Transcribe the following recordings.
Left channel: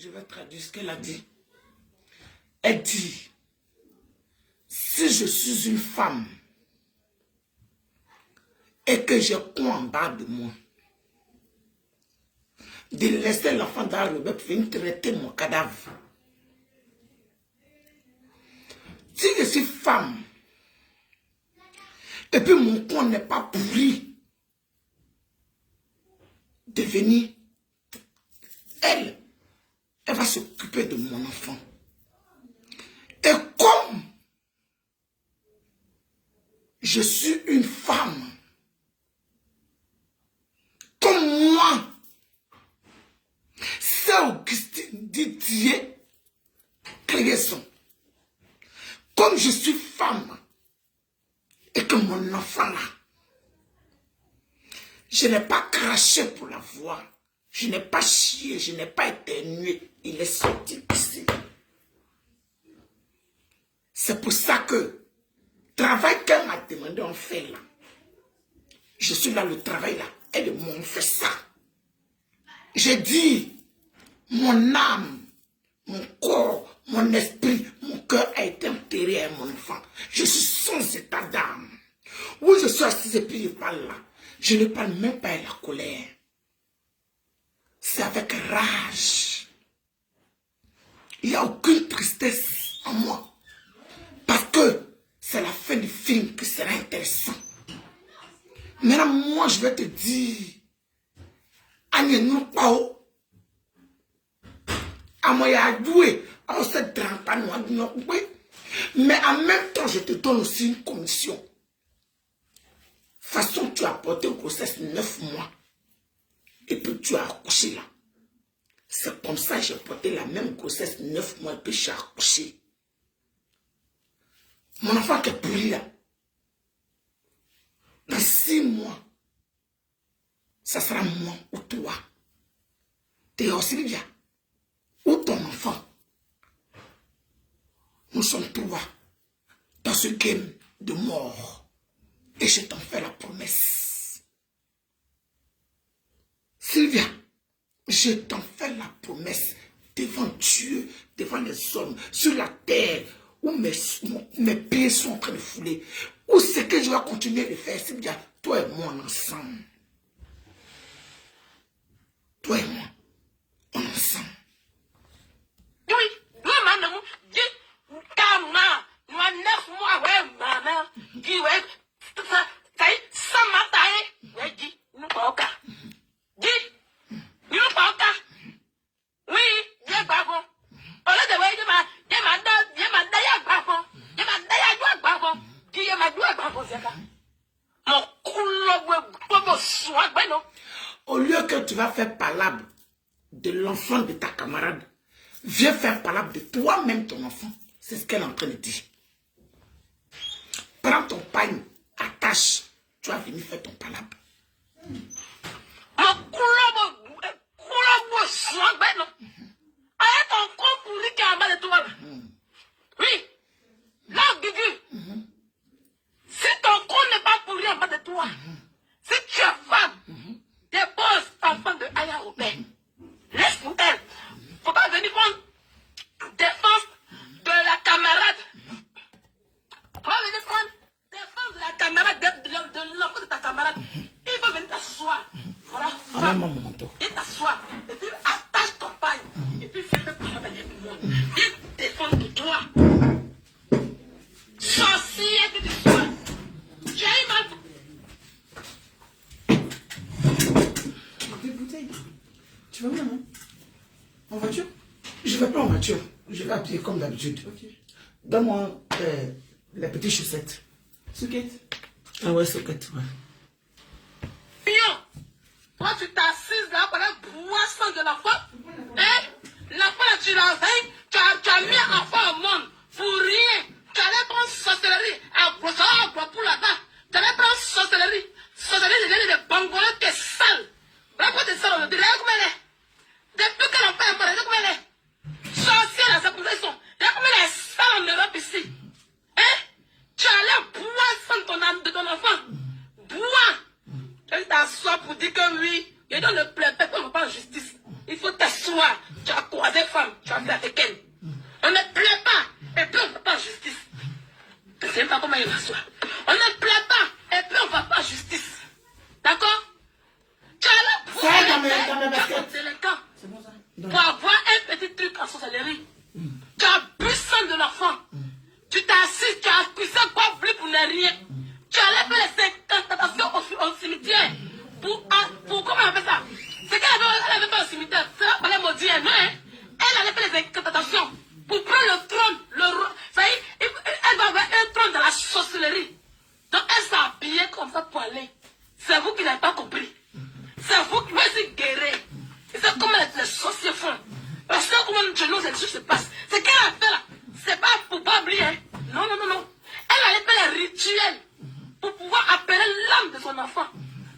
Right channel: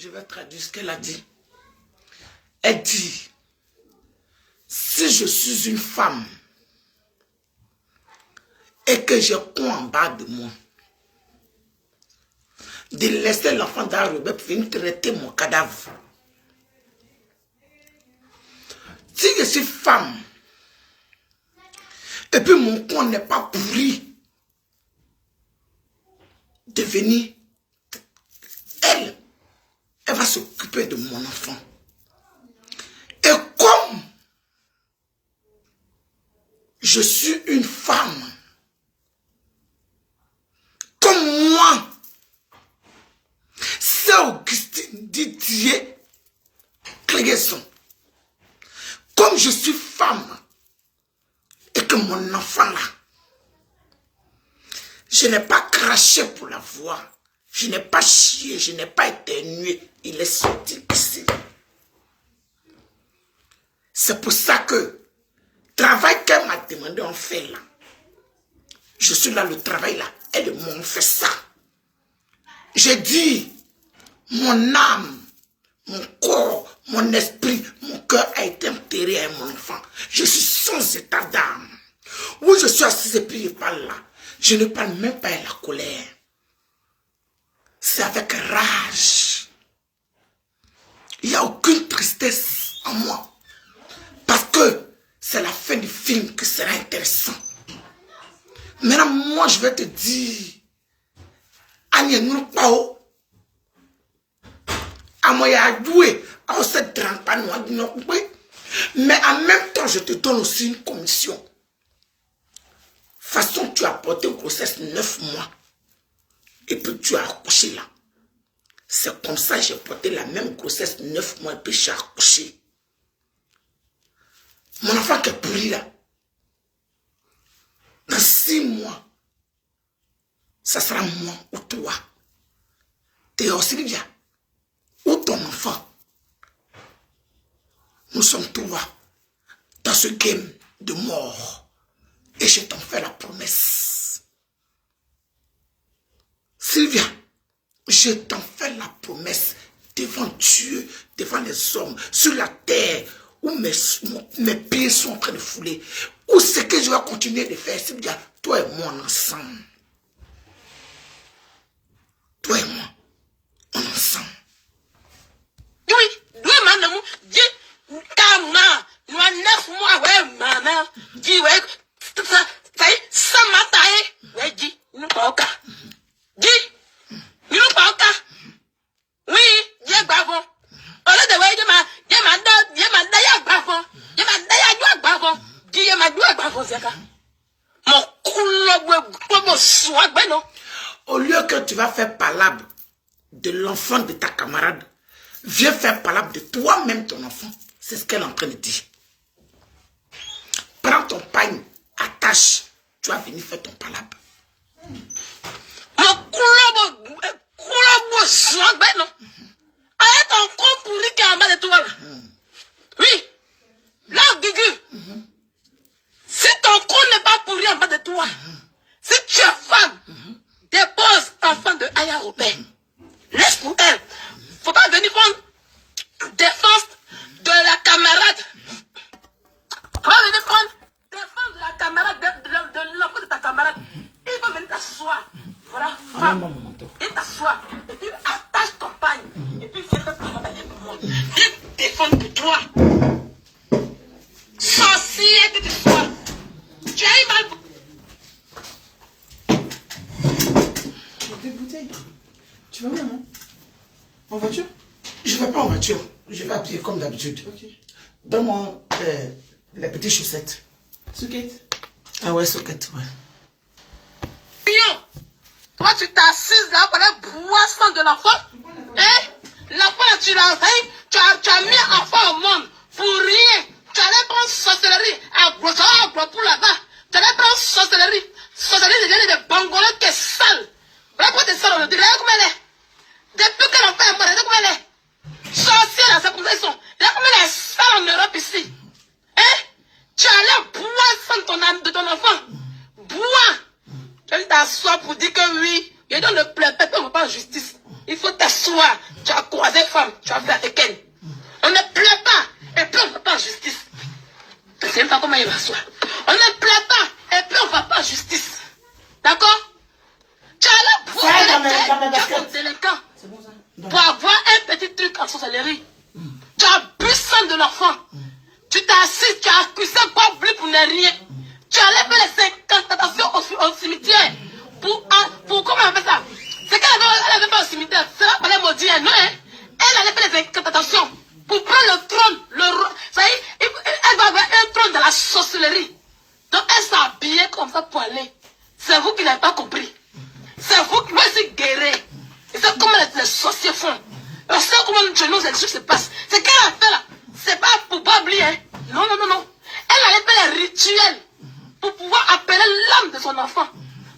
Je vais traduire ce qu'elle a dit. Elle dit, si je suis une femme et que j'ai quoi en bas de moi, de laisser l'enfant dans le bébé pour venir traiter mon cadavre. Si je suis femme, et puis mon corps n'est pas pourri, de venir, elle va s'occuper de mon enfant. Et comme je suis une femme, comme moi, c'est Augustine Didier Cléguesson. Comme je suis femme, et que mon enfant là, je n'ai pas craché pour la voir, je n'ai pas chié, je n'ai pas éternué, il est sorti ici. C'est pour ça que travail qu'elle m'a demandé, on fait là. Je suis là, le travail là, et de moi, on fait ça. J'ai dit, mon âme, mon corps, mon esprit, mon cœur a été enterré à mon enfant. Je suis sans état d'âme. Où je suis assise et puis je parle là. Je ne parle même pas à la colère. C'est avec rage. Il n'y a aucune tristesse en moi. Parce que c'est la fin du film qui sera intéressant. Maintenant, moi, je vais te dire, Agnès Pao, à moi, il y a joué, à ce mais en même temps, je te donne aussi une commission. De toute façon, tu as porté une grossesse 9 mois. Et puis tu as accouché là. C'est comme ça que j'ai porté la même grossesse 9 mois et puis j'ai accouché. Mon enfant qui est pourri là. Dans 6 mois, ça sera moi ou toi. Théo Sylvia, ou ton enfant. Nous sommes trois dans ce game de mort. Et je t'en fais la promesse. Sylvia, je t'en fais la promesse devant Dieu, devant les hommes, sur la terre, où mes pieds sont en train de fouler. Où c'est que je vais continuer de faire, Sylvia, toi et moi ensemble. Toi et moi, on ensemble. Oui, maman, Dieu, calme, nous avons 9 mois, ouais, maman, dis, ouais, ça m'a taillé, ouais, dis, nous pas au cas. Dis, nous pas au cas. Oui, Dieu, bravo. Au lieu de voir, Dieu m'a d'ailleurs bravo. Dieu m'a d'ailleurs bravo. Dieu m'a d'ailleurs bravo, c'est ça. Mon couloir, comme soit, ben non. Au lieu que tu vas faire palabre de l'enfant de ta camarade, viens faire palabre de toi-même ton enfant. C'est ce qu'elle est en train de dire. Prends ton pagne, attache, tu vas venir faire ton palabre. Mon couloir, soit, ben non. Avec ton compte pourri qui est en bas de toi. Oui. Là, Gugu. Si ton compte n'est pas pourri en bas de toi, si tu es femme, dépose enfant de Aya au père. Laisse pour elle. Faut pas venir prendre défense de la camarade. Faut pas venir prendre défense de la camarade, de l'enfant de ta camarade. Il faut venir t'asseoir. Voilà, femme. Et t'asseoir. Et puis attache ton pagne. Et puis fais le plus travailler pour moi. Viens défendre pour toi. Sorcier que tu sois. Tu as eu mal. Deux bouteilles. Tu vas où, maman? En voiture? Je ne vais pas en voiture, je vais habiller comme d'habitude. Ok. Donne-moi les petites chaussettes. Souquette. Ah ouais, soquette, ouais. Toi, tu t'assises là pour la boisson de l'enfant. Eh? L'enfant, tu l'as veillé, tu as mis l'enfant au monde pour rien. Tu allais prendre sorcellerie à gros pour là-bas. Tu allais prendre sorcellerie. Sorcellerie de bangolais, t'es sale. Voilà pourquoi t'es sale, on le dit. Regarde comment elle est. Depuis que l'enfant est mort, regarde comment elle est. Sorcière, c'est comme ça ils sont. Regarde comment elle est sale en Europe ici. Eh? Tu allais boire de ton enfant. Bois. Tu t'assois pour dire que oui, Et dans le plein, on ne va pas en justice. Il faut t'asseoir. Tu as croisé femme, tu as fait avec elle. On ne plaît pas, et puis on ne va pas en justice. Je ne sais pas comment il va s'asseoir. On ne plaît pas, et puis on ne va pas en justice. D'accord? Tu as la boîte de délinquant pour avoir un petit truc en sorcellerie. Tu as bu sang de l'enfant. Tu t'es assis, tu as accusé pas plus pour ne rien. Tu allais faire les incantations au cimetière. Pour comment on appelle ça? C'est qu'elle n'avait pas au cimetière. Ça va pas maudire, non, hein? Elle allait faire les incantations pour prendre le trône. Ça y est, elle va avoir un trône dans la sorcellerie. Donc elle s'est habillée comme ça pour aller. C'est vous qui n'avez pas compris. C'est vous qui vous guérir. Et c'est comment les sorciers font. On sait comment les choses se passent. C'est qu'elle a fait là. C'est pas pour pas oublier. Hein? Non, non, non, non. Elle allait faire les rituels pour pouvoir appeler l'âme de son enfant.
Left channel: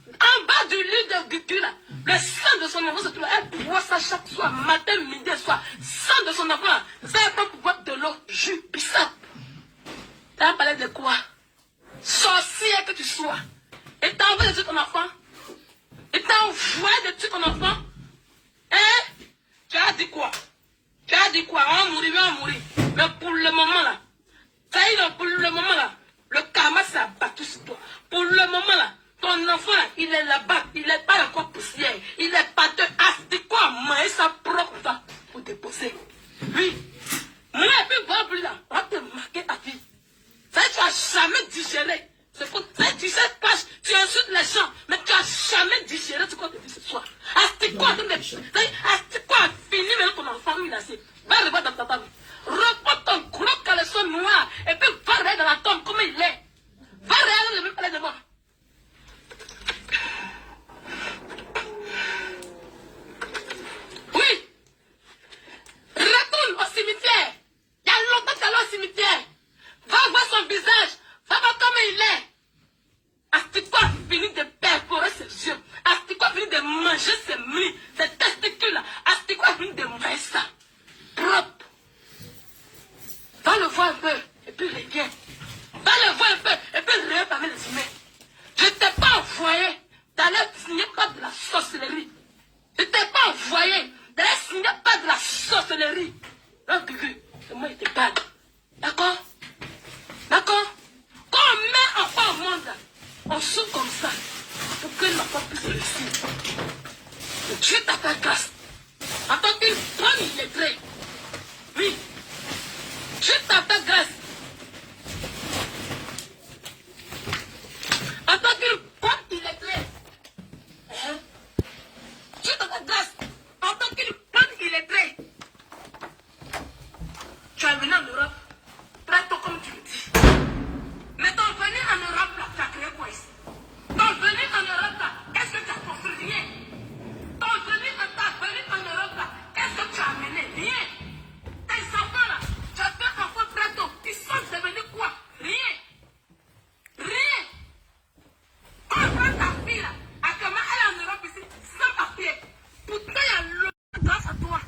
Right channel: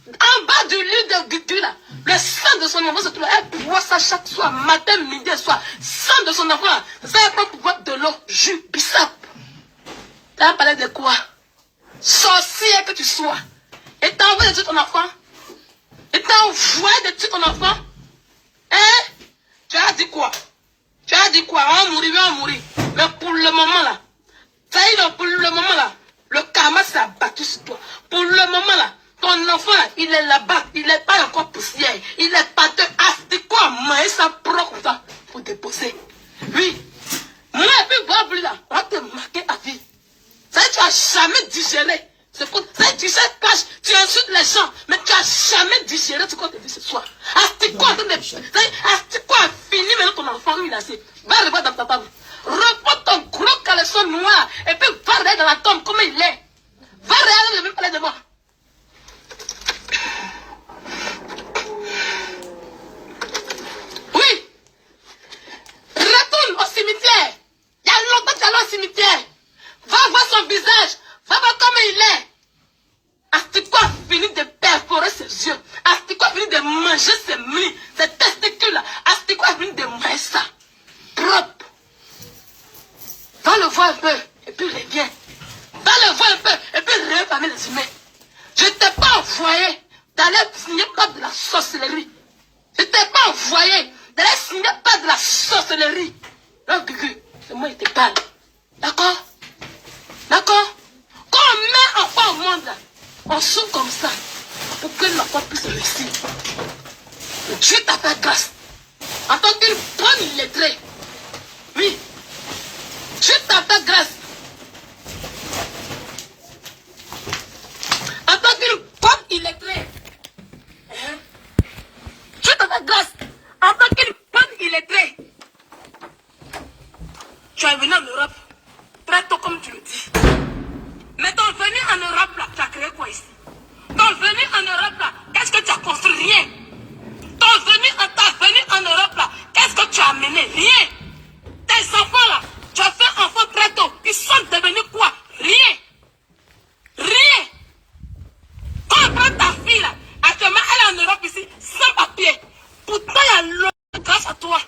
En bas du lit de Gugu là, le sang de son enfant se trouve. Elle boit ça chaque soir, matin, midi, soir. Sang de son enfant là. Ça va pas pouvoir de l'eau, jus, bissap. Tu as parlé de quoi? Sorcier que tu sois. Et t'as envoyé de tuer ton enfant. Et t'as envoyé de tuer ton enfant. Hein? Tu as dit quoi? Tu as dit quoi? On va mourir. Mais pour le moment là, ça y est, pour le moment là, le karma s'est abattu sur toi. Pour le moment là, ton enfant là, il est là-bas. Il n'est pas encore poussière. Il est pas de c'est quoi? Maïs ça prend comme ça pour déposer. Oui. Moi, et puis, voir plus là, on va te marquer à vie. Ça y est, tu n'as jamais digéré. C'est pour ça que tu sais pas, tu insultes les gens, mais tu n'as jamais digéré ce qu'on te dit ce soir. Astique-quoi a fini maintenant ton enfant, il a assez. Va revoir dans ta table. Reprends ton gros caleçon noir et puis va regarder dans la tombe comme il est. Va regarder, ne veux pas parler de moi. Oui. Retourne au cimetière. Il y a longtemps que tu es allé au cimetière. Va voir son visage. Va voir comment il est. Astique-quoi a fini de perforer ses yeux. Astique-quoi a fini de manger ses mlis, ses testicules. Astique-quoi a fini de manger ça. Propre. Va le voir un peu et puis reviens. Va le voir un peu et puis reviens parmi les humains. Je ne t'ai pas envoyé d'aller signer pas de la sorcellerie. Je ne t'ai pas envoyé d'aller signer pas de la sorcellerie. Donc, c'est moi qui te parle. D'accord? D'accord? Quand on met enfant au monde, on souffre comme ça pour que l'enfant puisse réussir. Dieu t'a fait grâce. En tant qu'une bonne illettrée. Oui. Dieu t'a fait grâce. En tant qu'une bonne illettrée. Dieu t'a fait grâce. En tant qu'une bonne illettrée. Tu es venu en Europe. Très tôt comme tu le dis. Mais ton venu en Europe là, tu as créé quoi ici? Ton venu en Europe là, qu'est-ce que tu as construit? Rien. Ton venu en Europe là, qu'est-ce que tu as amené? Rien. Tes enfants là, tu as fait enfant très tôt. Ils sont devenus quoi? Rien. Rien. Quand on prend ta fille là, actuellement elle est en Europe ici, sans papier. Pourtant il y a l'eau grâce à toi.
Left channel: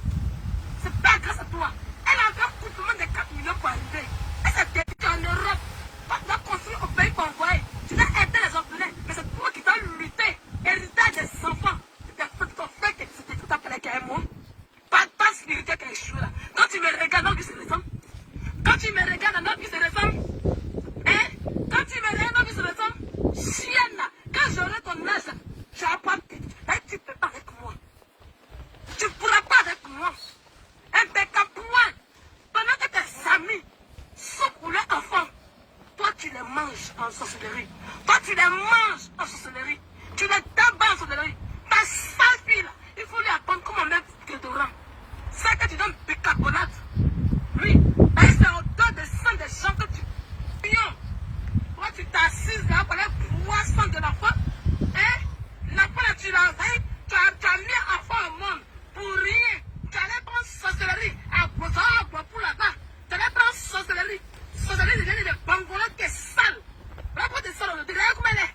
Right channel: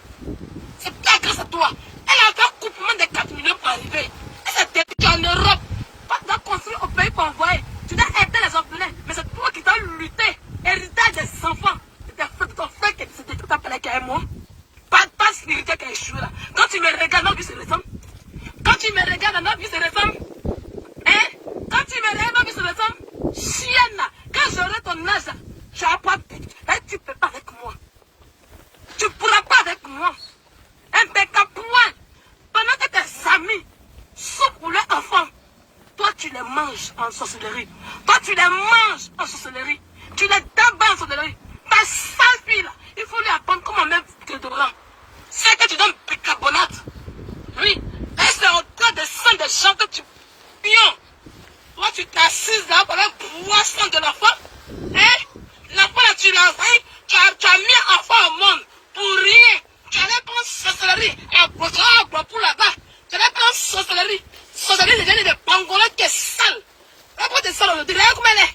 C'est pas grâce à toi. Elle a fait un couplement de 4 millions pour arriver. Elle est en Europe. Quand tu dois construire au pays pour envoyer, tu dois aider les orphelins. Mais c'est toi qui dois lutter, hériter des enfants. C'est ton frère qui c'était tout appelé qu'à moi. Pas spirituel qui a échoué là. Quand tu me regardes, notre vie se ressemble. Quand tu me regardes, notre vie se ressemble. Hein? Quand tu me regardes, notre vie se ressemble. Chienne là, quand j'aurai ton âge, tu n'as pas de. Et tu ne peux pas avec moi. Tu ne pourras pas avec moi. Impeccable point. Pendant que tes amis souffrent pour leurs enfants, toi tu les manges en sorcellerie. Toi tu les manges en sorcellerie. Tu les dabats en sorcellerie. Ta sale fille là, il faut lui apprendre comment mettre déodorant. C'est que tu donnes bicarbonate. Oui. Et c'est au-delà de sang des gens que tu pions. Toi tu t'assises là pendant 3 sang de l'enfant. Hein? L'enfant là tu l'as envoyé. Tu as mis un enfant au monde pour rien. Tu allais prendre sorcellerie à Bois pour là-bas. Tu allais prendre sorcellerie. Sorcellerie devient des pangolins qui est sale. Regarde de sale aujourd'hui. Regarde comme elle est.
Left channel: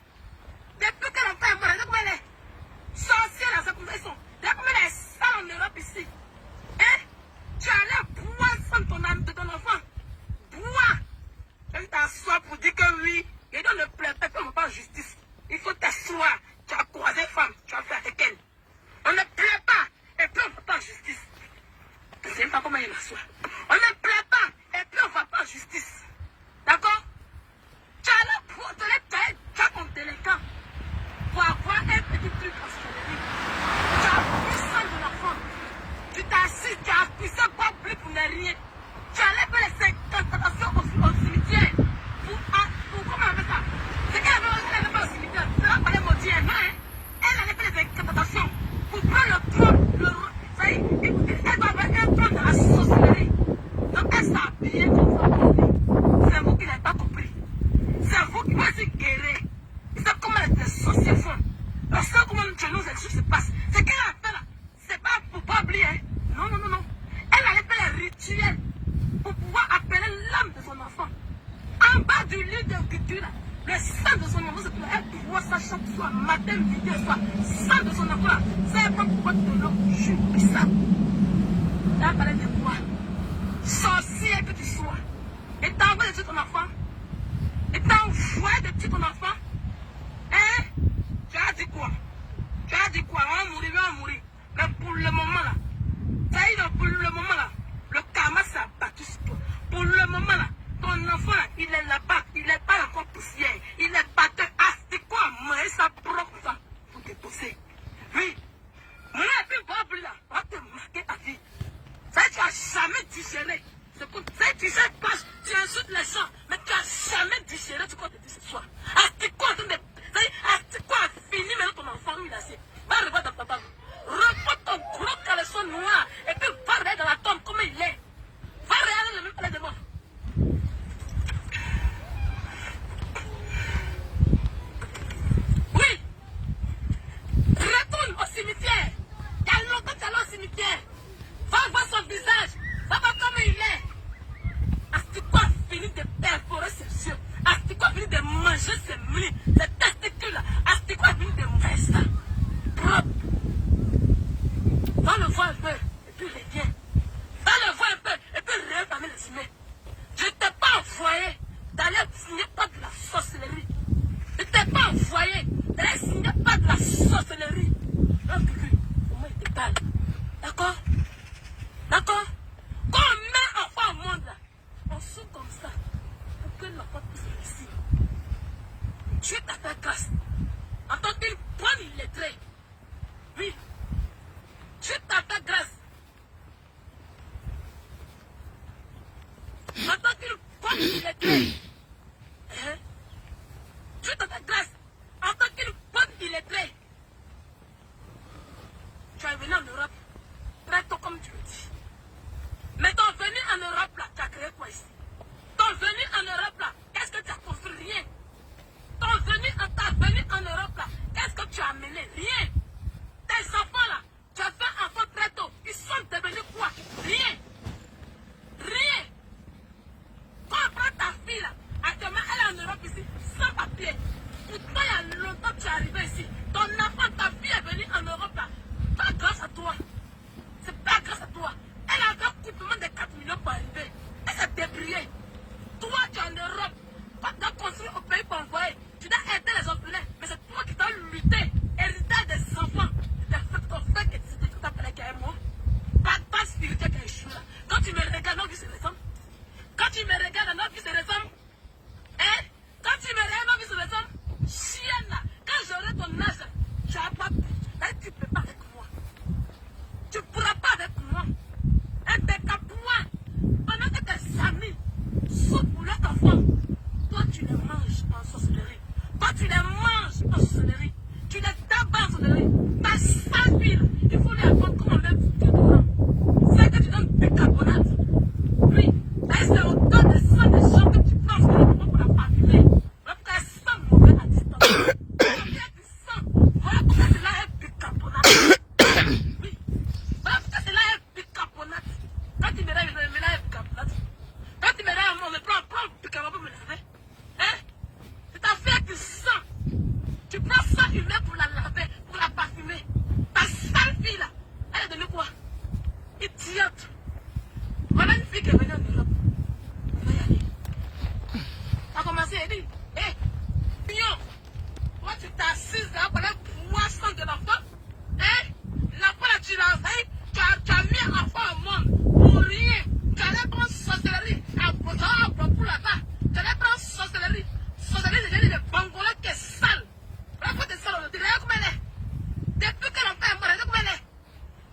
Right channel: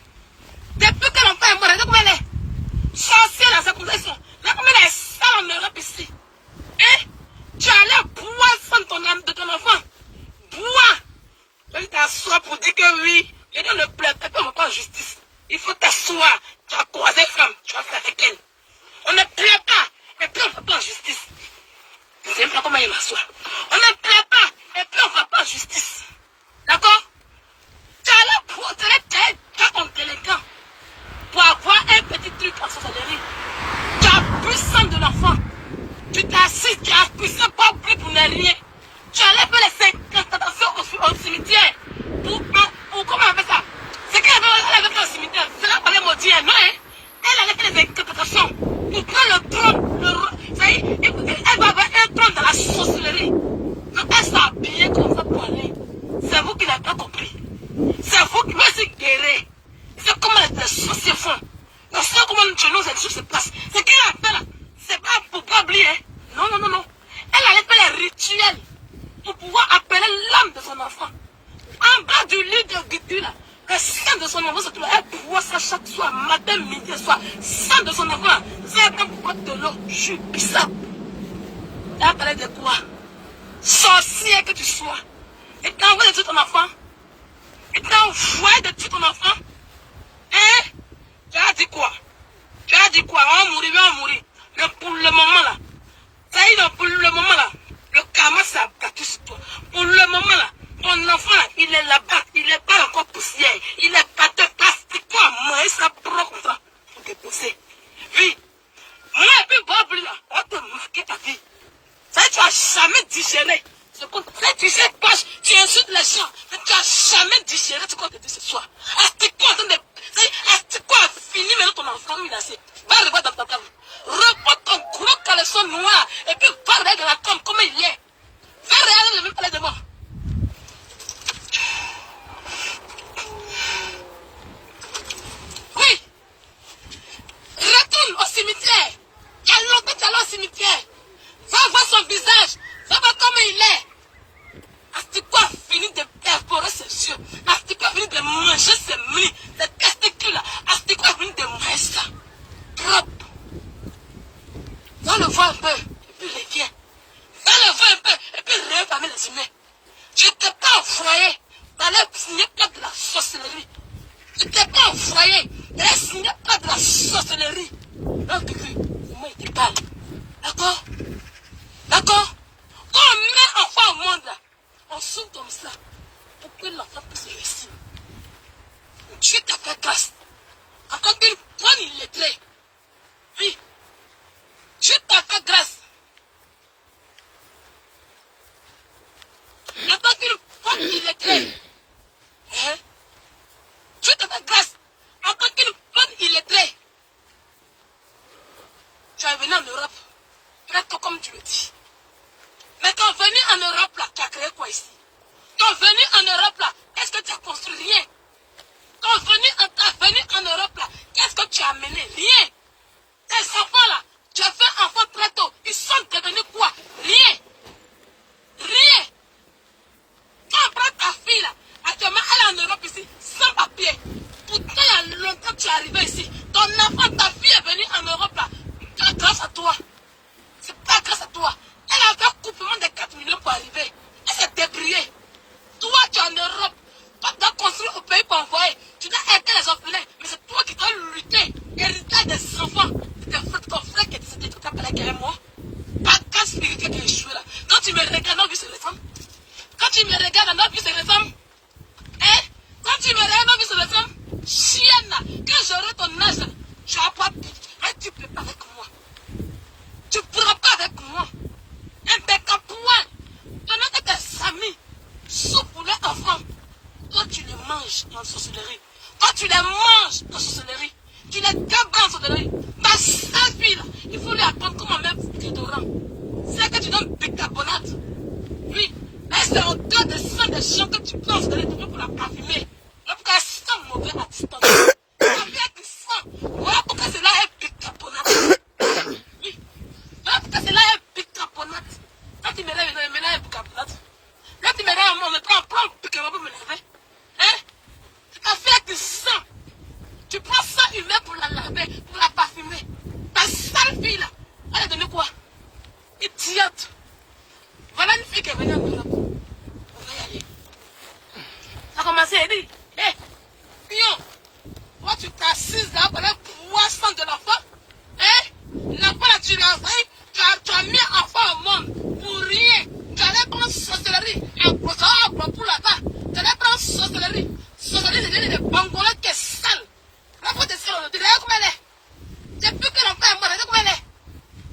Depuis que l'enfant est mort, regarde comme elle est. Sorcière là, c'est comme ça ils sont. Regarde comme elle est sale en Europe ici. Hein? Tu allais boire sang de ton enfant. Bois. Tu t'assois pour dire que oui. Et dans le plateau, on va pas en justice. Il faut t'asseoir. Tu as croisé femme. Tu vas faire avec elle. On ne plaît pas, et puis on ne va pas en justice. Je ne sais pas comment il m'assoit. On ne plaît pas, et puis on ne va pas en justice. D'accord? Tu as là pour ton délinquant pour avoir un petit truc en sorcellerie. Tu as pris sang de l'enfant. Tu t'es assis, tu as poussé pas plus pour ne rien. Tu as fait les incantations au cimetière. Pour comment on appelle ça? C'est qu'elle avait fait au cimetière. C'est là qu'on est maudit, non? Elle avait fait les incantations pour prendre le trône. Elle va avoir un trône dans la sorcellerie. Donc elle s'est habillée comme ça pour aller. C'est vous qui n'avez pas compris. C'est vous qui pouvez se guérir. C'est comment les sorciers font. On sait comment nous, cette chose se passe. C'est qu'elle a fait là. C'est pas pour pas oublier. Non. Elle allait faire les rituels pour pouvoir appeler l'âme de son enfant. En bas du lit de Guidu là, le sang de son enfant se trouve. Elle boit ça chaque soir, matin, midi, soir. Sang de son enfant. C'est pas pourquoi de l'eau, je suis ça. Elle parlait de quoi? Sorcier que tu sois. Et t'as envoyé de tuer ton enfant. Et t'as envoyé de tuer ton enfant. Hein? Tu as dit quoi? Tu as dit quoi? On va mourir. Mais pour le moment là, ça y est, pour le moment là, le karma s'est abattu sur toi. Pour le moment là, ton enfant là, il est là-bas, il n'est pas encore poussière. Il est pas de astique-toi, mais ça prend comme ça pour te pousser. Oui. Moi et puis Bob là, on te marqué ta vie. Ça y est, tu n'as jamais digéré. Tu sais pas, tu insultes les gens, mais tu n'as jamais digéré ce qu'on te dit ce soir. Astique-toi en train de... Astique-toi a fini maintenant ton enfant menacé. Va revoir dans ta table. Reprends ton gros caleçon noir et puis va regarder dans la tombe comment il est. Va regarder le même palais de mort. Oui. Retourne au cimetière. Il y a longtemps que tu es allé au cimetière. Va voir son visage. Va voir comment il est. Astique-toi a fini de perforer ses yeux. Astique-toi a fini de manger ses mlis, les testicules. Astique-toi a fini de manger ça. Propre. Va le voir un peu, et puis reviens. Va le voir un peu, et puis reviens parmi les humains. Je ne t'ai pas envoyé d'aller signer pas de la sorcellerie. Je ne t'ai pas envoyé d'aller signer pas de la sorcellerie. Donc, moi, il te parle. D'accord? D'accord? Quand on met enfant au monde, là, on s'ouvre comme ça pour que l'enfant puisse réussir. Dieu t'a fait grâce. En tant qu'une bonne illettrée. Oui. Dieu t'a fait grâce. En tant qu'une bonne illettrée. Hein? Dieu t'a fait grâce. En tant qu'une bonne illettrée. Tu es venu en Europe. Très tôt comme tu le dis. Mais ton venu en Europe là, tu as créé quoi ici? Ton venu en Europe là, est-ce que tu as construit rien? Ton venu en Europe là, qu'est-ce que tu as amené? Rien. Tes enfants là, tu as fait enfant très tôt. Ils sont devenus quoi? Rien. Rien. Quand on prend ta fille là, actuellement elle est en Europe ici, sans papier. Pourtant il y a longtemps que tu es arrivé ici. Ton enfant, ta fille est venue en Europe là. C'est grâce à toi. C'est pas grâce à toi. Elle a fait couplement de 4 millions pour arriver. Elle s'est débrouillée. Toi, tu es en Europe. Toi, tu as construit au pays pour envoyer. Tu dois aider les orphelins. Mais c'est toi qui dois lutter. Hériter des enfants. C'est ton frère qui était tout appelé derrière moi. Pas ta spirituel qui est échoué là. Quand tu me regardes, nos vies se ressemblent. Quand tu me regardes, nos vies se ressemblent. Hein? Quand tu me regardes, nos vies se ressemblent. Chienne là. Quand j'aurai ton âge là, tu n'as pas pu. Tu ne peux pas avec moi. Tu ne pourras pas avec moi. Un bec à point. Pendant que tes amis souffrent pour leurs enfants, toi tu les manges en sorcellerie. Toi tu les manges en sorcellerie. Tu les débats en sorcellerie. Ta sale fille là, il faut lui apprendre comment mettre déodorant. C'est que tu donnes bicarbonate. Oui, et c'est au dos de sang des gens que tu prends en sorcellerie pour la parfumer. Voilà pourquoi elle sent mauvais à distance. Voilà tu sens. Voilà pourquoi cela est bicarbonate. Oui. Voilà pourquoi cela est bicarbonate. Quand tu me lèves, il me lève bicarbonate. Quand tu me lèves, on me prend bicarbonate pour me laver. Hein? C'est ta fille qui sent. Tu prends ça humain pour la laver, pour la parfumer. Ta sale fille là, elle est devenue quoi? Idiote. Voilà une fille qui est venue en Europe. On va y aller. Ça a commencé à dire, hé, Pion, toi tu t'assises là pour aller boire sang de l'enfant. Hein? L'enfant là, tu as mis enfant au monde pour rien. Tu allais prendre sorcellerie. Pour là-bas. Tu allais prendre sorcellerie. Sorcellerie, c'est des Bangolais qui est sale. La faute est sale. Tu regardes comment elle est. Depuis que l'enfant est mort, regarde comment elle est.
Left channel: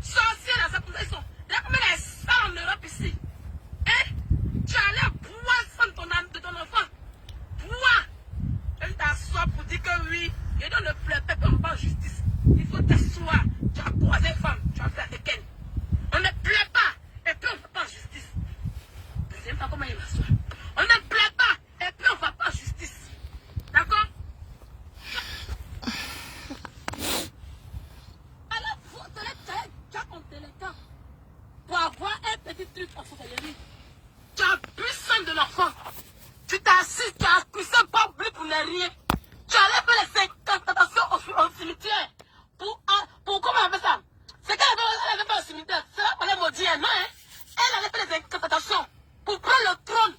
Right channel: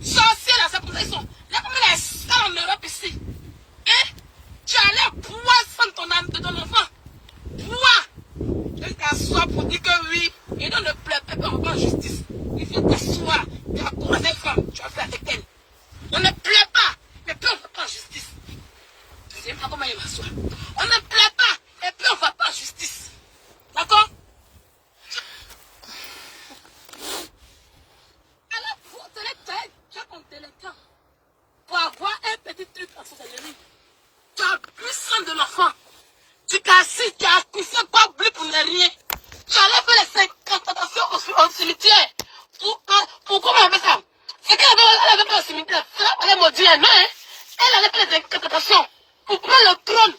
Sorcière là, c'est comme ça ils sont. Regarde comment elle est sale en Europe ici. Hein? Tu allais boire sans de ton enfant. Boire. Je t'assois pour dire que oui. Et donc ne pleure pas, on va en justice. Il faut t'asseoir. Tu as croisé femme. Tu as fait avec elle. On ne plaît pas. Et puis on ne va pas en justice. Je ne sais pas comment il m'assoit. On ne plaît pas. Et puis on ne va pas en justice. D'accord? Alors, pour te laisser, tu as ton téléphone. Pour avoir un petit truc en sorcellerie. Tu as puissant de l'enfant. Tu t'es assis, tu as accusé quoi plus pour ne rien. Tu allais faire les 50 au cimetière. Pour comment on fait ça? C'est qu'elle avait pas au cimetière. C'est là qu'elle allait maudire, non? Hein? Elle allait faire les incantations. Pour prendre le trône.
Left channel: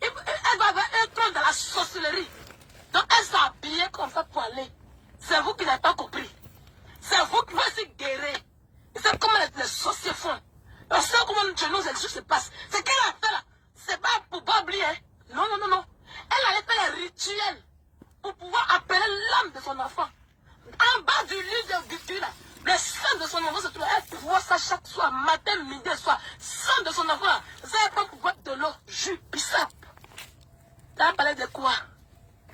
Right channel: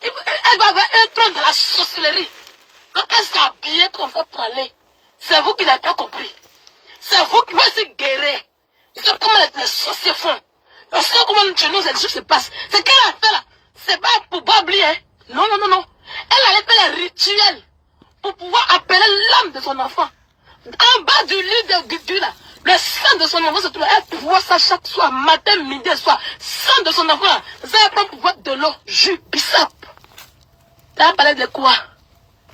Elle va avoir un trône de la sorcellerie. Donc elle s'est habillée comme ça pour aller. C'est vous qui n'avez pas compris. C'est vous qui voulez se guérir. Vous savez comment les sorciers font. On sait comment chez nous les choses se passent. C'est qu'elle a fait là. C'est pas pour pas oublier. Hein? Non, non, non, non. Elle allait faire les rituels pour pouvoir appeler l'âme de son enfant. En bas du lit de Gugu là, le sang de son enfant se trouve. Elle voit ça chaque soir, matin, midi, soir. Sang de son enfant là. Ça va pas pouvoir de l'eau, jus, bissap. Tu as parlé de quoi?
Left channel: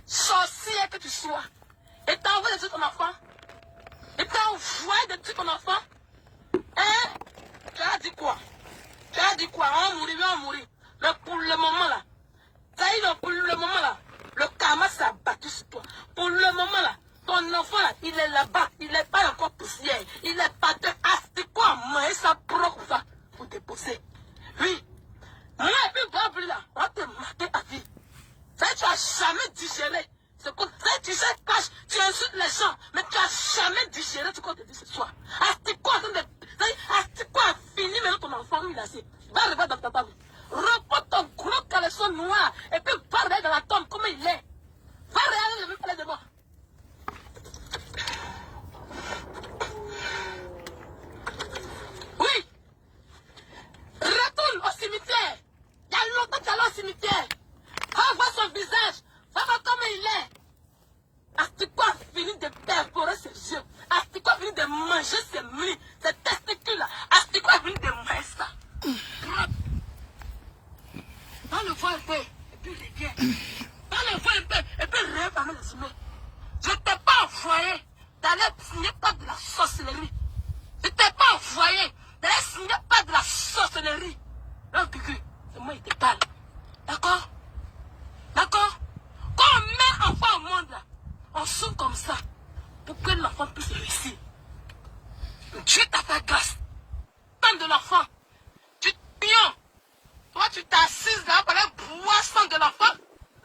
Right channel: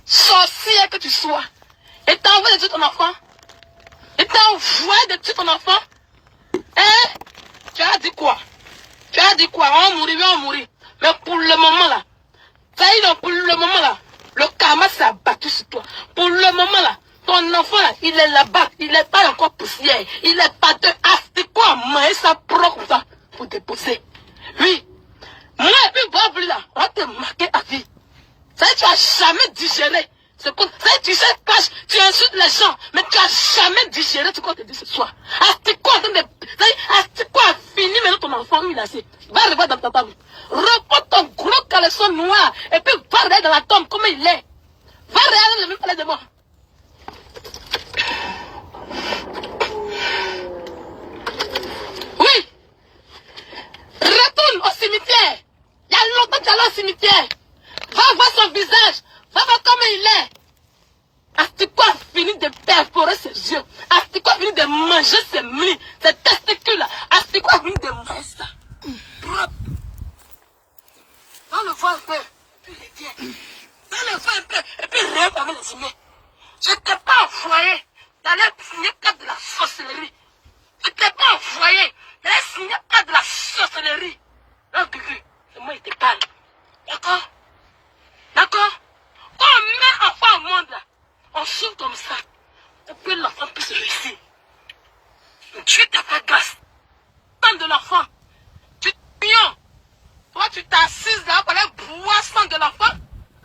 Sorcière que tu sois. Et t'as envoyé de tuer ton enfant. Et t'as envoyé de tuer ton enfant. Hein? Tu as dit quoi? Tu as dit quoi? On va mourir. Mais pour le moment là, ça y est, pour le moment là, le karma s'est abattu sur toi. Pour le moment là, ton enfant là, il est là-bas, il n'est pas encore poussière. Il est pas de c'est quoi? Manger ça propre comme ça pour déposer. Oui. Moi et puis Bob là, on va te marquer à vie. Ça y est, tu n'as jamais digéré. Ça y est, tu sais pas, tu insultes les gens, mais tu n'as jamais digéré ce qu'on te dit ce soir. Astique-quoi a fini maintenant ton enfant, il a assez. Va revoir dans ta table. Reprends ton gros caleçon noir et puis va regarder dans la tombe comment il est. Va regarder le même palais de moi. Oui. Retourne au cimetière. Il y a longtemps que tu es allé au cimetière. Va voir son visage. Va voir comment il est. Astique-quoi a fini de perforer ses yeux. Astique-quoi a fini de manger ses mlis, ses testicules. Astique-quoi a fini de manger ça. Dans le vent un peu, et puis les dieux. Dans le vent un peu, et puis refermer les humains. Je t'ai pas envoyé d'aller signer pas de la sorcellerie. Je t'ai pas envoyé d'aller signer pas de la sorcellerie. Non, Gugu, c'est moi qui te parle. D'accord? D'accord? Quand on met enfant au monde là, on souffre comme ça pour que l'enfant puisse réussir. Dieu t'a fait grâce. Tant de l'enfant, tu te pions. Toi, tu t'assises là pour aller boire sang de l'enfant.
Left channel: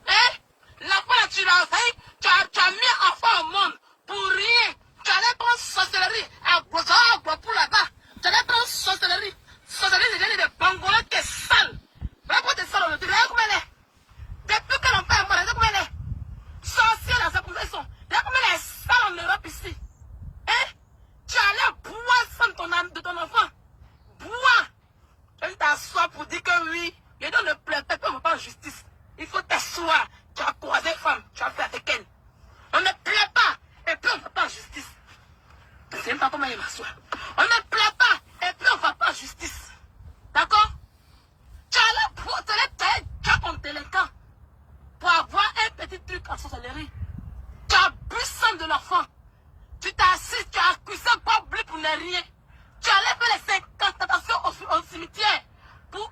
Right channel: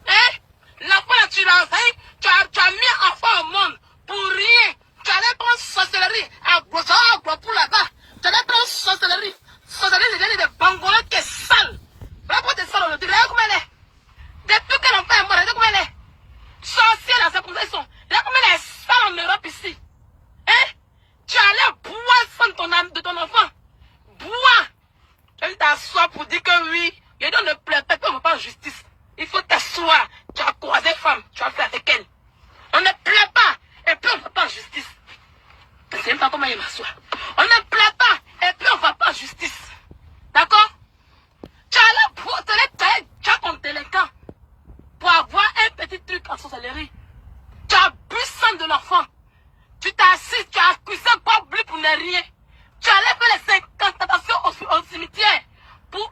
Hein? L'enfant là, tu as mis enfant au monde pour rien. Tu allais prendre sorcellerie à pour là-bas. Tu allais prendre sorcellerie. Sorcellerie, c'est des Bangolais qui est sale. Regarde tes salons, tu regardes comment elle est. Depuis que l'enfant est mort, regarde comment elle est. Sorcière là, c'est comme ça ils sont. Regarde comment elle est sale en Europe ici. Hein? Tu allais boire sang de ton enfant. Boire. Tu t'assois pour dire que oui. Et donc ne pleure pas, on ne va pas en justice. Il faut t'asseoir. Tu as croisé femme, tu as fait avec elle. On ne pleure pas, et puis on ne va pas en justice. Je ne sais même pas comment il m'assoit. On ne pleure pas, et puis on ne va pas en justice. D'accord? Tu as là pour te laisser, tu as ton délinquant. Pour avoir un petit truc en sorcellerie. Tu as bu sang de l'enfant. Tu t'es assis, tu as accusé pas plus pour ne rien. Tu allais faire les incantations au cimetière. Pour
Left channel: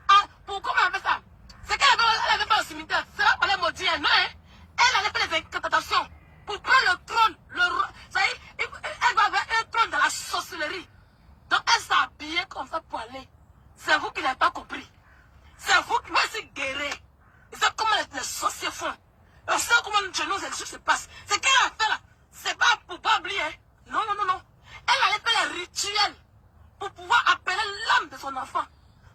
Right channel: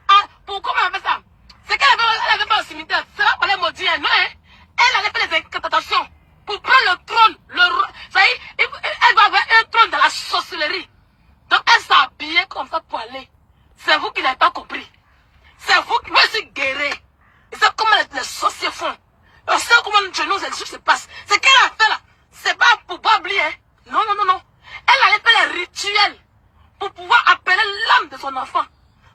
comment on fait ça? C'est qu'elle avait pas au cimetière. C'est là qu'on allait maudire, non? Hein? Elle allait faire les incantations. Pour prendre le trône. Ça y est, elle va avoir un trône de la sorcellerie. Donc elle s'est habillée comme ça pour aller. C'est vous qui n'avez pas compris. C'est vous qui voulez se guérir. Et c'est comment les sorciers font. On sait comment chez nous les choses se passent. C'est qu'elle a fait là. C'est pas pour pas oublier. Hein? Non, non, non, non. Elle allait faire les rituels pour pouvoir appeler l'âme de son enfant.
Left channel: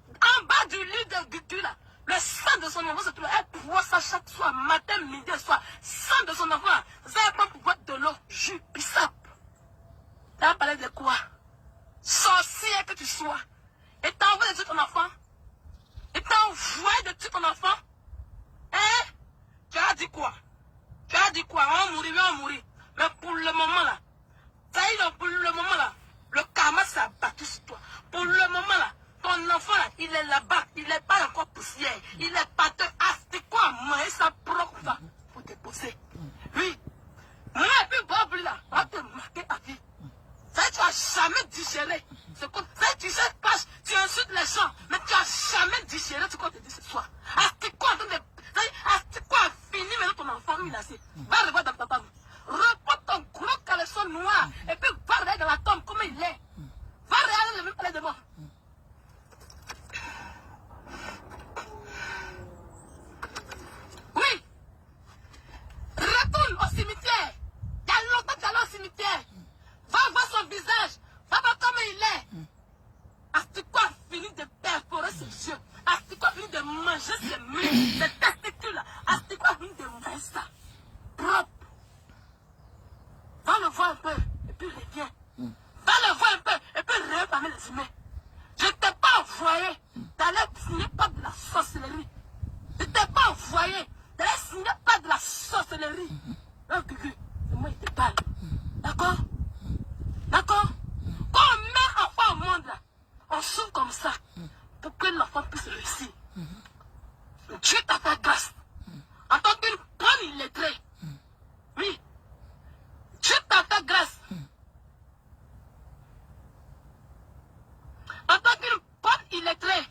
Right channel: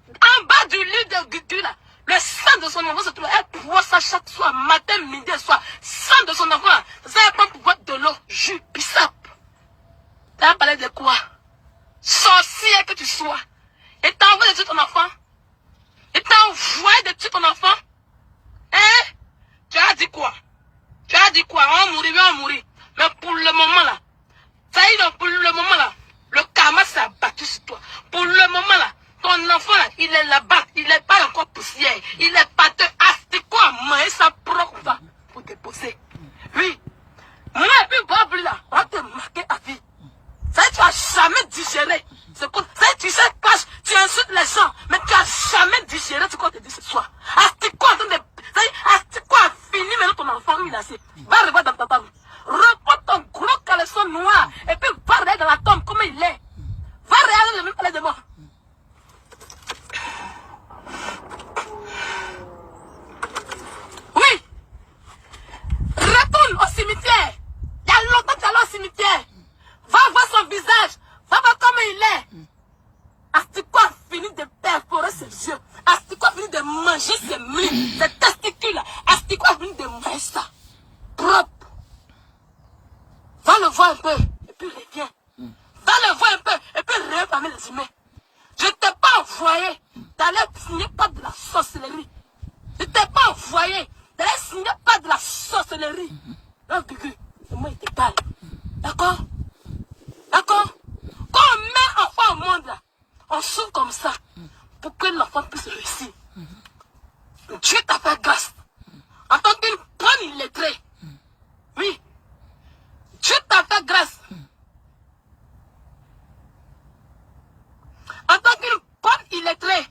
En bas du lit de Gugu là, le sang de son enfant se trouve. Elle voit ça chaque soir, matin, midi, soir. Sang de son enfant là. Ça va pas pouvoir de l'eau, jus, bissap. Tu as parlé de quoi? sorcière que tu sois. Et t'as envoyé de tuer ton enfant. Et t'as envoyé de tuer ton enfant. Hein? Tu as dit quoi? Tu as dit quoi? On va mourir. Mais pour le moment là, ça y est, pour le moment là, le karma s'est abattu sur toi. Pour le moment là, ton enfant là, il est là-bas, il n'est pas encore poussière. Il est pâteux. Ah, c'est quoi? Manger ça propre ça pour te poser. Oui. Moi et puis Bob là, on va te marquer à vie. Ça y est, tu n'as jamais digéré. Ça y est, tu sais, tu insultes les gens, mais tu n'as jamais digéré ce qu'on te dit ce soir. Astique-quoi a fini maintenant ton enfant, il a assez. Va revoir dans ta tombe. Reprends ton gros caleçon noir et puis va regarder dans la tombe comme il est. Va regarder le même palais de mort. Oui. Retourne au cimetière. Il y a longtemps que tu es allé au cimetière. Va voir son visage. Va voir comment il est. Astique-quoi a fini de perforer ses yeux. Astique-quoi a fini de manger ses muscles, ses testicules. Astique-quoi a fini de manger ça. Propre. Va le voir un peu et puis reviens. Va le voir un peu et puis reviens parmi les humains. Je ne t'ai pas envoyé d'aller signer pas de la sorcellerie. Je ne t'ai pas envoyé d'aller signer pas de la sorcellerie. Non, Gugu, c'est moi qui te parle. D'accord? D'accord? Quand on met un enfant au monde, là, on souffre comme ça pour que l'enfant puisse réussir. Dieu t'a fait grâce. En tant qu'une bonne illettrée. Oui. Dieu t'a fait grâce. En tant qu'une bonne illettrée.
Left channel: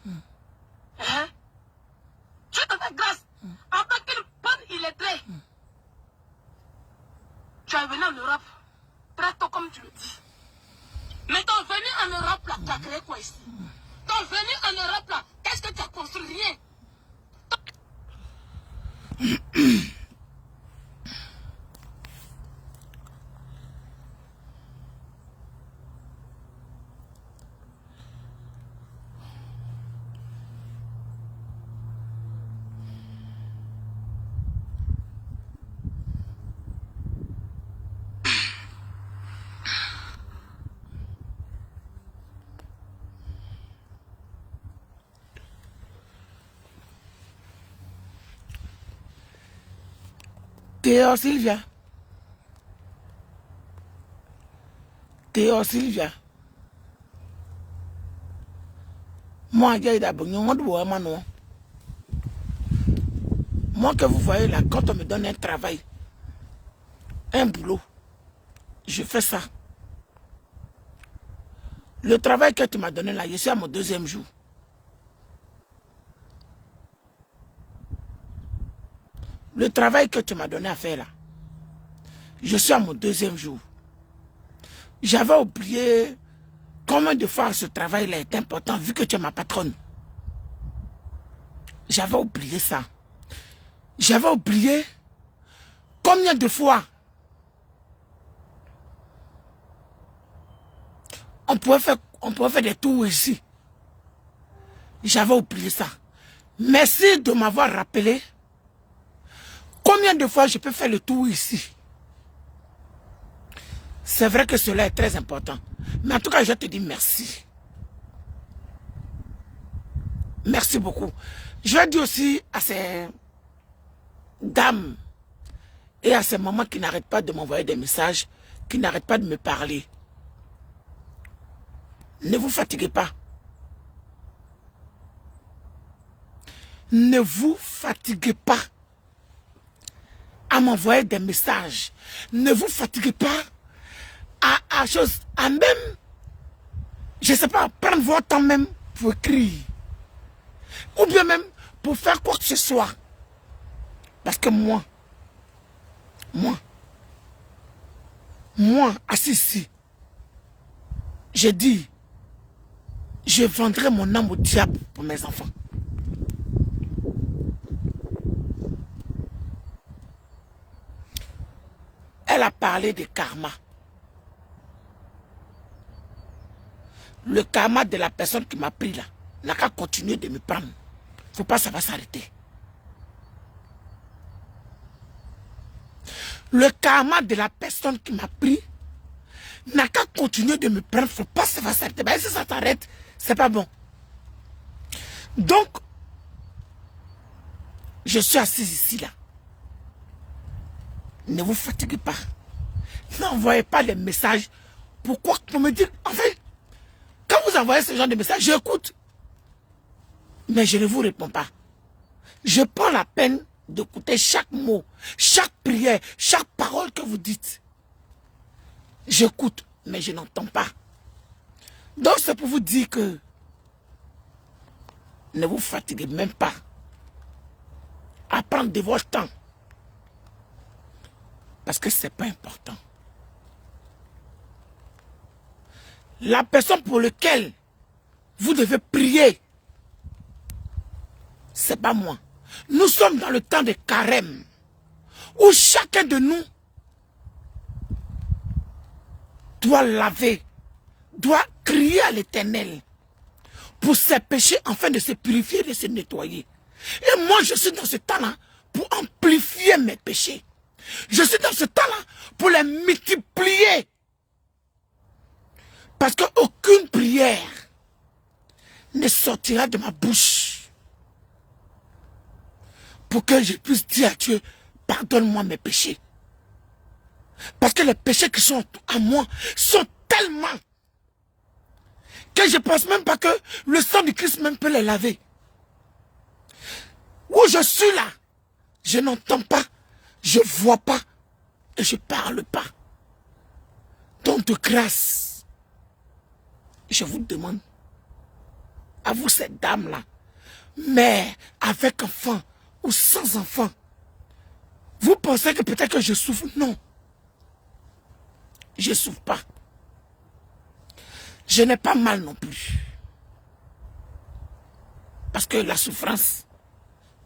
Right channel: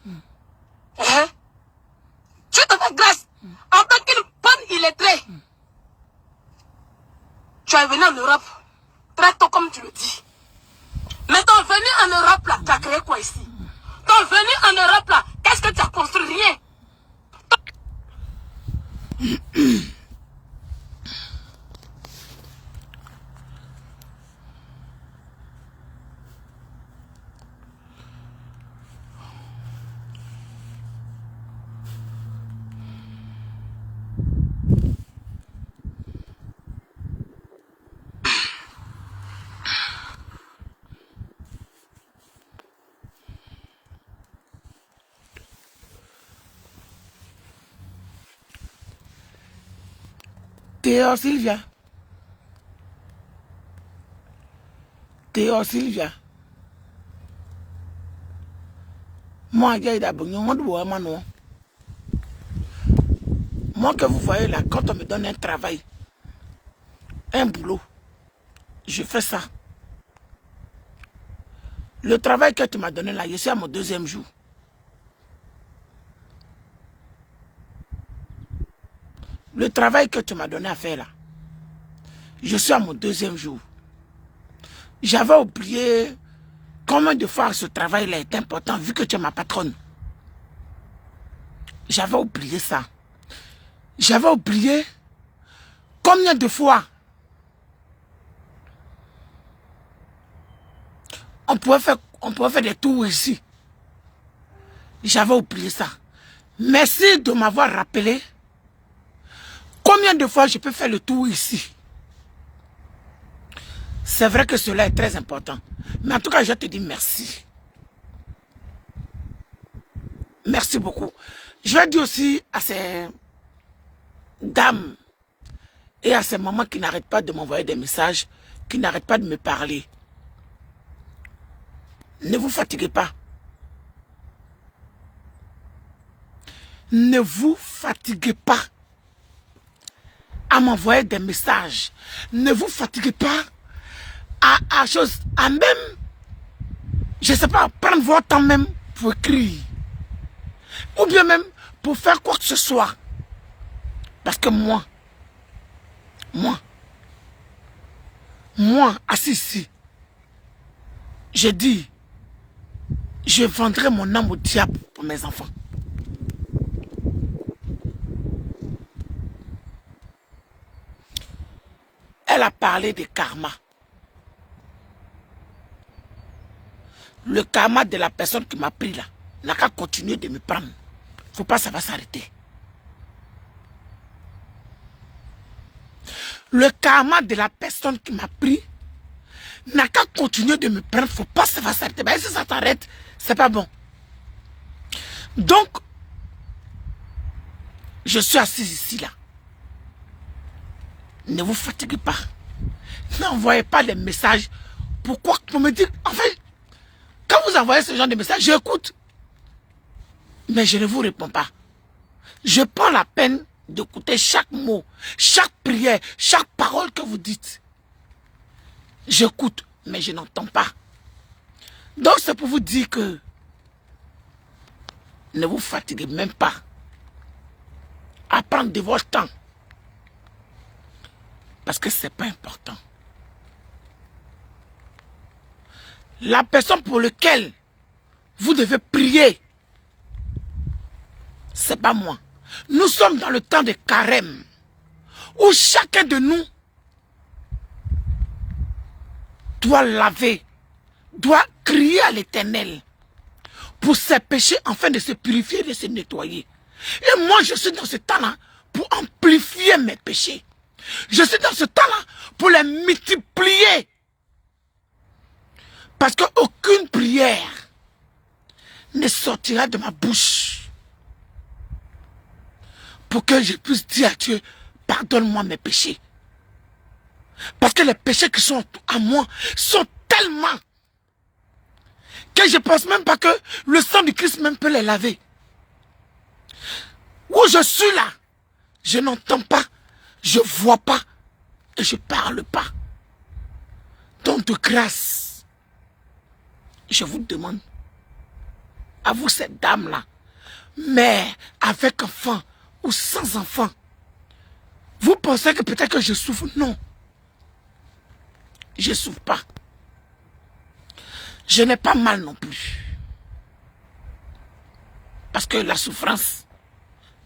Hein? Dieu t'a fait grâce. En tant qu'une bonne illettrée. Tu es venu en Europe. Très tôt comme tu le dis. Mais ton venu en Europe là, tu as créé quoi ici? Ton venu en Europe là, qu'est-ce que tu as construit? Rien. Théo Sylvia. Théo Sylvia. Moi, moi que vous voyez là, quand on me donne un travail, un boulot, je fais ça. Le travail que tu m'as donné là, je suis à mon 2e jour. Le travail que tu m'as donné à faire là, je suis à mon 2e jour. J'avais oublié combien de fois ce travail-là est important vu que tu es ma patronne. J'avais oublié ça. J'avais oublié combien de fois on pouvait faire des tours ici. J'avais oublié ça. Merci de m'avoir rappelé combien de fois je peux faire le tour ici. C'est vrai que cela est très important. Mais en tout cas, je te dis merci. Merci beaucoup. Je vais dire aussi à ces dames et à ces mamans qui n'arrêtent pas de m'envoyer des messages, qui n'arrêtent pas de me parler. Ne vous fatiguez pas. Ne vous fatiguez pas à m'envoyer des messages. Ne vous fatiguez pas à même, je ne sais pas, prendre votre temps même pour écrire. Ou bien même pour faire quoi que ce soit. Parce que moi, assis ici, j'ai dit, je vendrai mon âme au diable pour mes enfants. Elle a parlé de karma. Le karma de la personne qui m'a pris là n'a qu'à continuer de me prendre. Faut pas, ça va s'arrêter. Le karma de la personne qui m'a pris n'a qu'à continuer de me prendre. Faut pas que ça va s'arrêter. Ben, si ça s'arrête, c'est pas bon. Donc, je suis assise ici, là. Ne vous fatiguez pas. N'envoyez pas les messages. Pourquoi? Pour me dire, en fait, quand vous envoyez ce genre de messages, j'écoute. Mais je ne vous réponds pas. Je prends la peine d'écouter chaque mot, chaque prière, chaque parole que vous dites. J'écoute, mais je n'entends pas. Donc c'est pour vous dire que ne vous fatiguez même pas à prendre de votre temps. Parce que ce n'est pas important. La personne pour laquelle vous devez prier, ce n'est pas moi. Nous sommes dans le temps de carême, où chacun de nous doit laver, doit crier à l'Éternel pour ses péchés afin de se purifier, de se nettoyer. Et moi, je suis dans ce temps-là pour amplifier mes péchés. Je suis dans ce temps-là pour les multiplier. Parce qu'aucune prière ne sortira de ma bouche pour que je puisse dire à Dieu, pardonne-moi mes péchés. Parce que les péchés qui sont à moi sont tellement que je ne pense même pas que le sang du Christ même peut les laver. Où je suis là, je n'entends pas, je ne vois pas et je ne parle pas. Donc de grâce, je vous demande, à vous cette dame-là, mère avec enfant ou sans enfant, vous pensez que peut-être que je souffre? Non. Je ne souffre pas. Je n'ai pas mal non plus. Parce que la souffrance,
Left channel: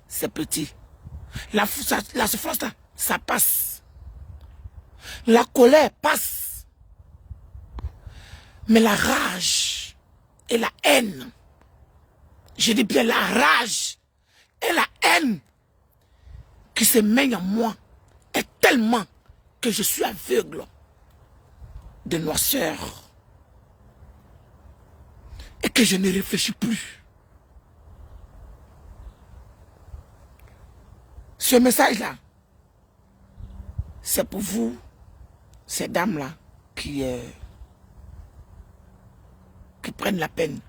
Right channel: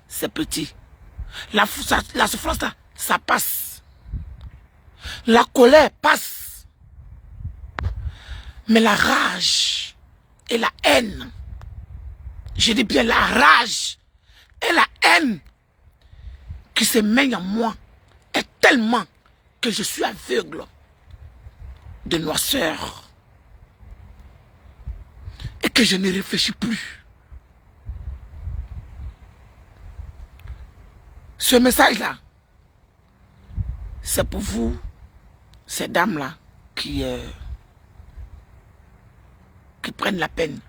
c'est petit. La souffrance, ça passe. La colère passe. Mais la rage et la haine, je dis bien la rage et la haine qui se mènent en moi est tellement que je suis aveugle de noirceur et que je ne réfléchis plus. Ce message-là, c'est pour vous, ces dames-là, qui prennent la peine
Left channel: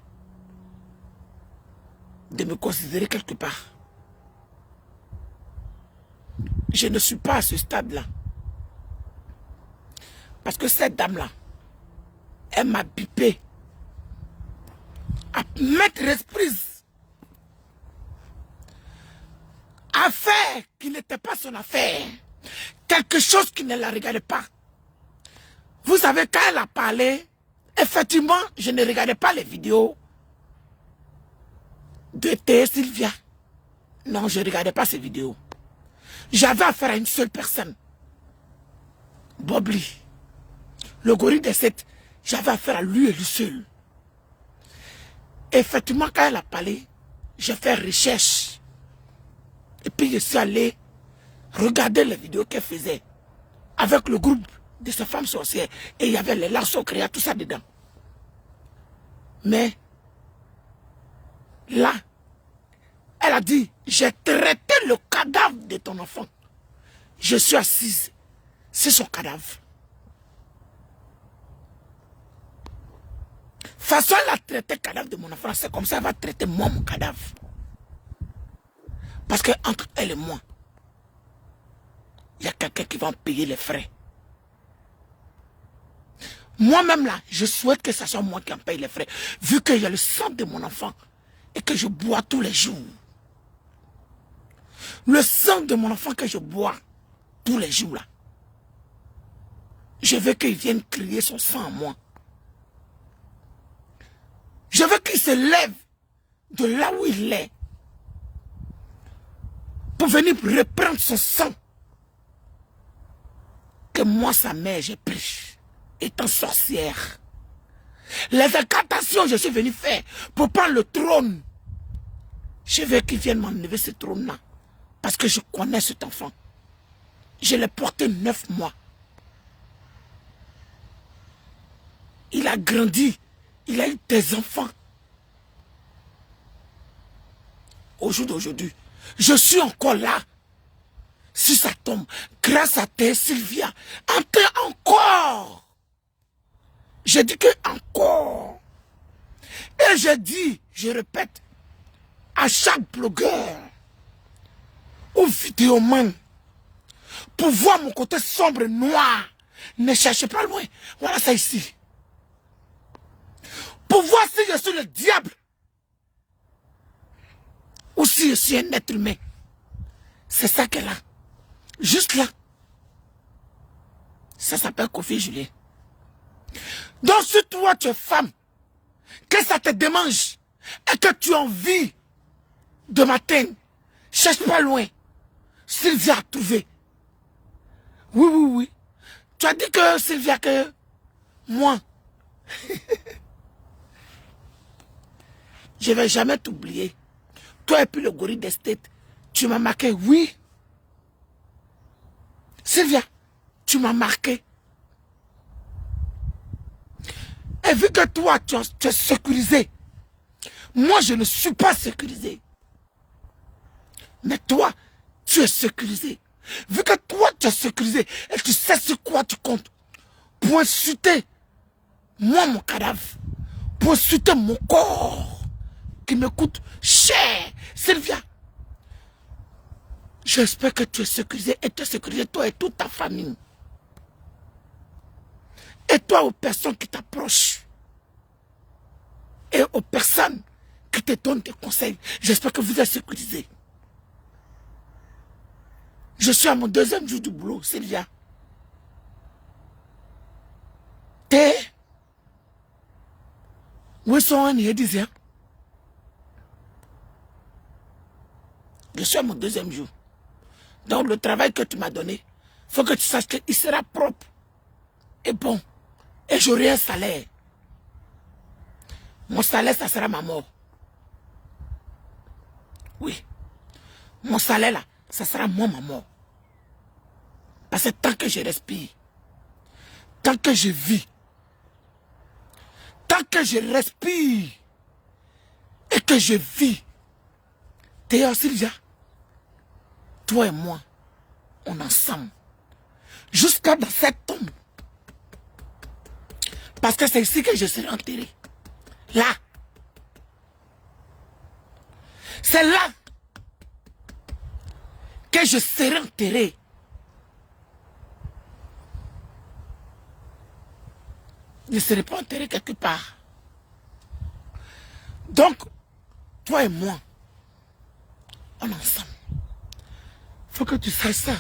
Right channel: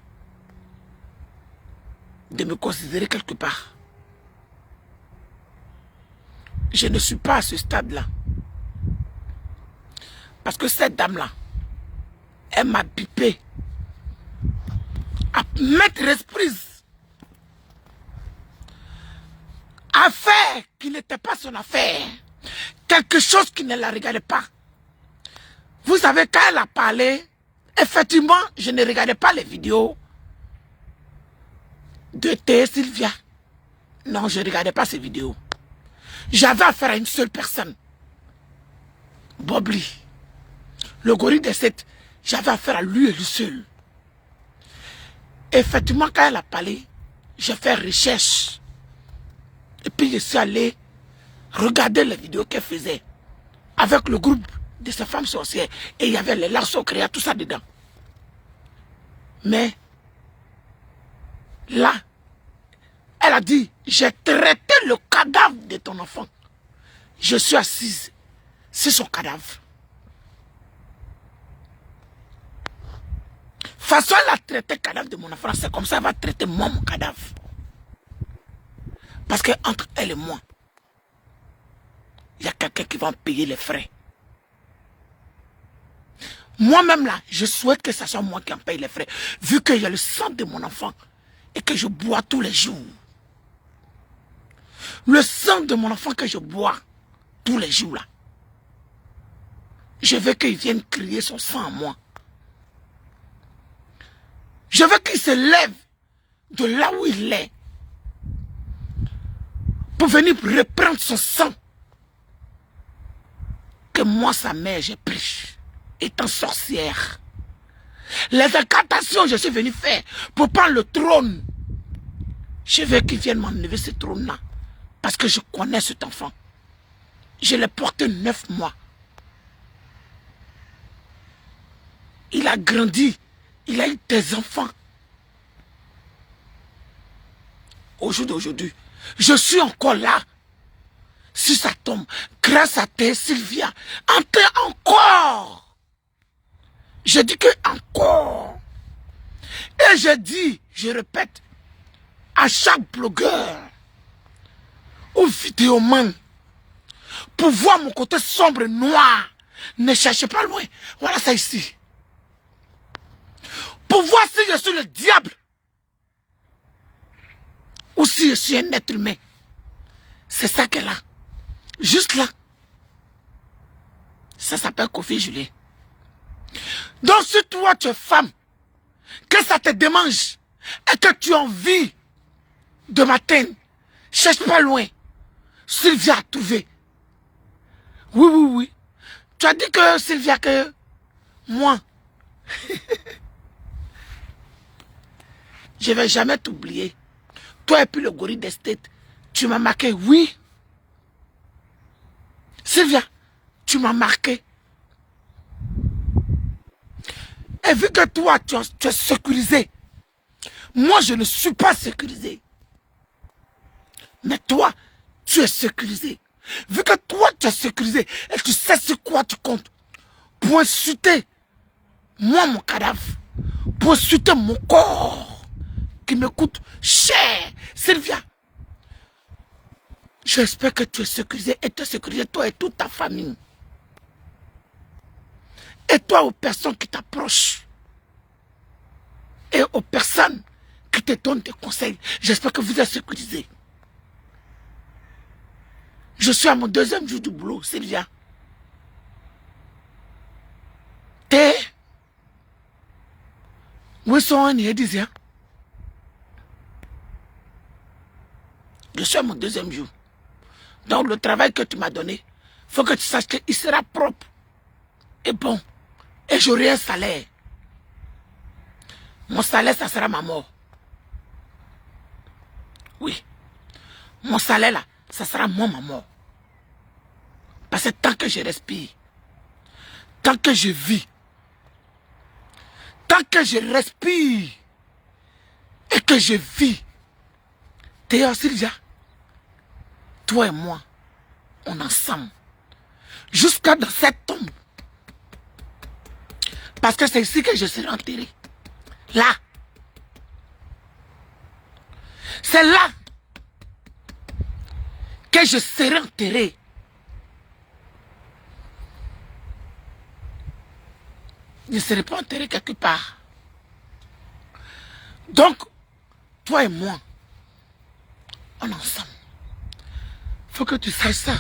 de me considérer quelque part. Je ne suis pas à ce stade-là. Parce que cette dame-là, elle m'a bipé à mettre reprise. Affaire qui n'était pas son affaire. Quelque chose qui ne la regardait pas. Vous savez, quand elle a parlé, effectivement, je ne regardais pas les vidéos de Théé Sylvia. Non, je ne regardais pas ces vidéos. J'avais affaire à une seule personne. Bobli. Le gorille des 7. J'avais affaire à lui et lui seul. Effectivement, quand elle a parlé, j'ai fait recherche. Et puis je suis allé regarder les vidéos qu'elle faisait avec le groupe de ces femmes sorcières. Et il y avait les larceaux créés, tout ça dedans. Mais là, elle a dit, j'ai traité le cadavre de ton enfant. Je suis assise. C'est son cadavre. Façon elle a traité le cadavre de mon enfant, c'est comme ça elle va traiter moi mon cadavre. Parce que entre elle et moi, il y a quelqu'un qui va en payer les frais. Moi-même là, je souhaite que ce soit moi qui en paye les frais. Vu qu'il y a le sang de mon enfant et que je bois tous les jours. Le sang de mon enfant que je bois tous les jours là. Je veux qu'il vienne crier son sang à moi. Je veux qu'il se lève de là où il est pour venir reprendre son sang que moi, sa mère, j'ai pris, étant sorcière. Les incantations que je suis venu faire pour prendre le trône, je veux qu'il vienne m'enlever ce trône-là. Parce que je connais cet enfant. Je l'ai porté 9 mois. Il a grandi. Il a eu des enfants. Au jour d'aujourd'hui, je suis encore là. Si ça tombe, grâce à toi, Sylvia, encore. Je dis que encore. Et je dis, je répète, à chaque blogueur ou vidéoman, pour voir mon côté sombre et noir, ne cherchez pas loin. Voilà ça ici. Pour voir si je suis le diable ou si je suis un être humain. C'est ça qu'elle a. Juste là. Ça s'appelle Kofi Julien. Donc si toi tu es femme, que ça te démange et que tu as envie de matin, cherche pas loin. Sylvia a trouvé. Oui, oui, oui. Tu as dit que Sylvia, que moi, je ne vais jamais t'oublier. Toi et puis le gorille d'estate, tu m'as marqué, oui. Sylvia, tu m'as marqué. Et vu que toi, tu es sécurisé, moi, je ne suis pas sécurisé. Mais toi, tu es sécurisé. Vu que toi, tu es sécurisé et tu sais sur quoi tu comptes, pour insulter moi, mon cadavre, pour insulter mon corps, qui me coûte cher. Sylvia, j'espère que tu es sécurisé et tu es sécurisé, toi et toute ta famille. Et toi, aux personnes qui t'approchent, et aux personnes qui te donnent des conseils, j'espère que vous êtes sécurisés. Je suis à mon 2e jour du boulot, Sylvia. Où sont les disent? Je suis à mon 2e jour. Donc le travail que tu m'as donné, il faut que tu saches qu'il sera propre et bon. Et j'aurai un salaire. Mon salaire, ça sera ma mort. Oui. Mon salaire là, ça sera moi ma mort. Parce que tant que je respire, tant que je vis, tant que je respire et que je vis, Théo Sylvia, toi et moi, on est ensemble. Jusqu'à dans cette tombe. Parce que c'est ici que je serai enterré. Là. C'est là que je serai enterré. Je ne serai pas enterré quelque part. Donc, toi et moi, on est ensemble. Il faut que tu saches ça.